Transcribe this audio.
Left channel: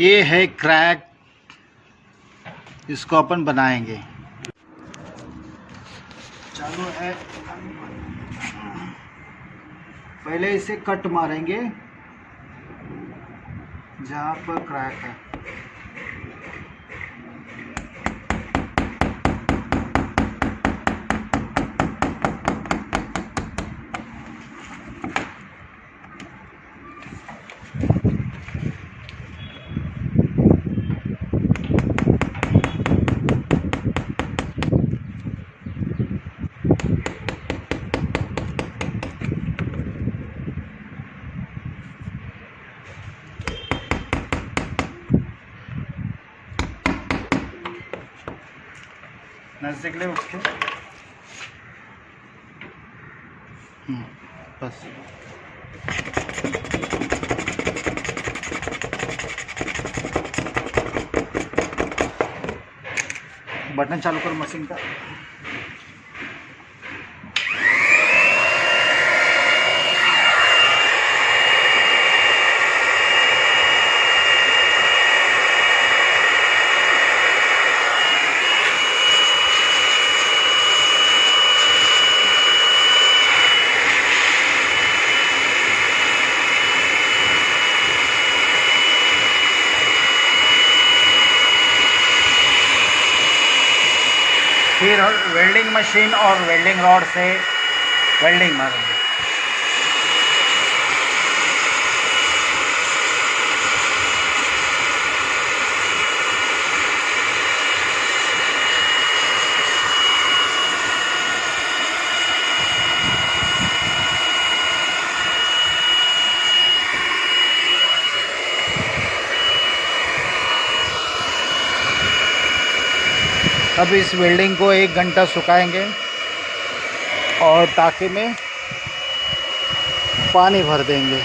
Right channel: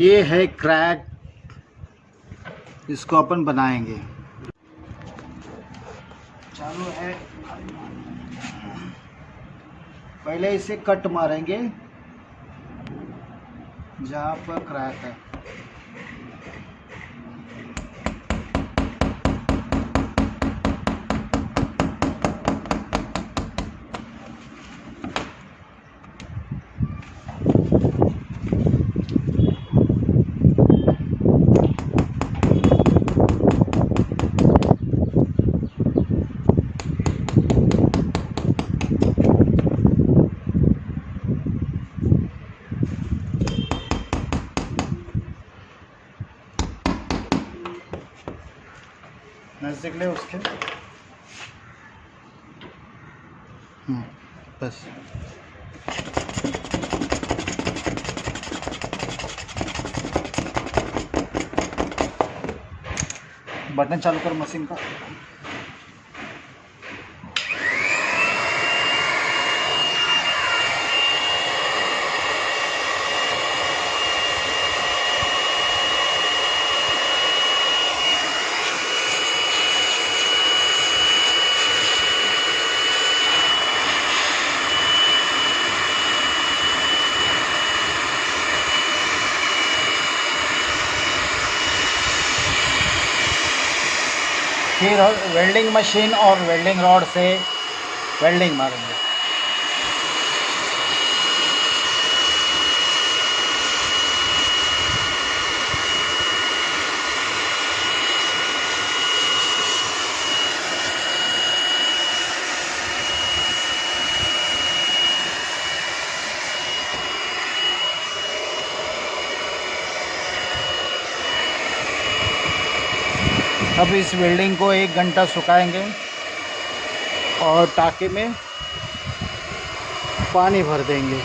ये है क्रैक, इसको अपन बनाएंगे। चालू है। पहले इसे कट मारेंगे जहाँ पर क्रैक है। नज़दीक ले उसको। बस बटन चालू कर मशीन का। फिर वेल्डिंग मशीन और वेल्डिंग रॉड से वेल्डिंग मारेंगे। अब इस वेल्डिंग को 1 घंटा सुखाएंगे और टाँके में पानी भर देंगे।